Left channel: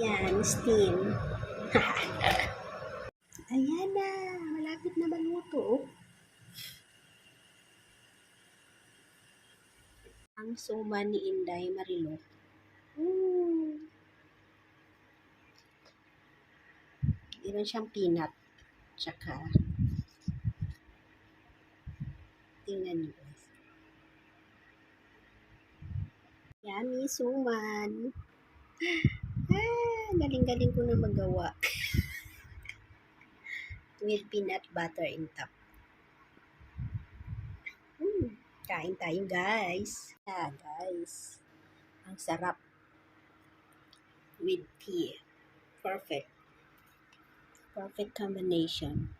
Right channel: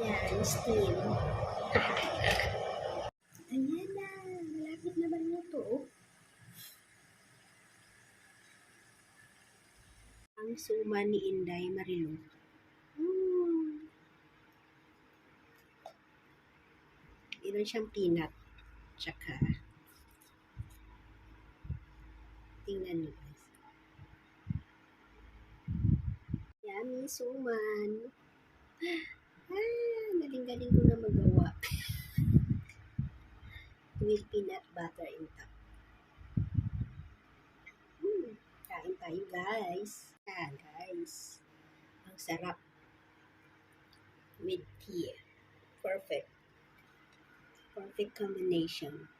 Yan, steam. Ayan na, malapit na maluto. Oh. Ang suman ni Inday Marilo. Meron siyang peanut. Tsaka, tingnan niyo guys. Yummy suman. Galing-galing ko na magawa. With peanut butter in top. Kain tayo guys. Guys. Ang sarap. With tea. Perfect. Perfect combination.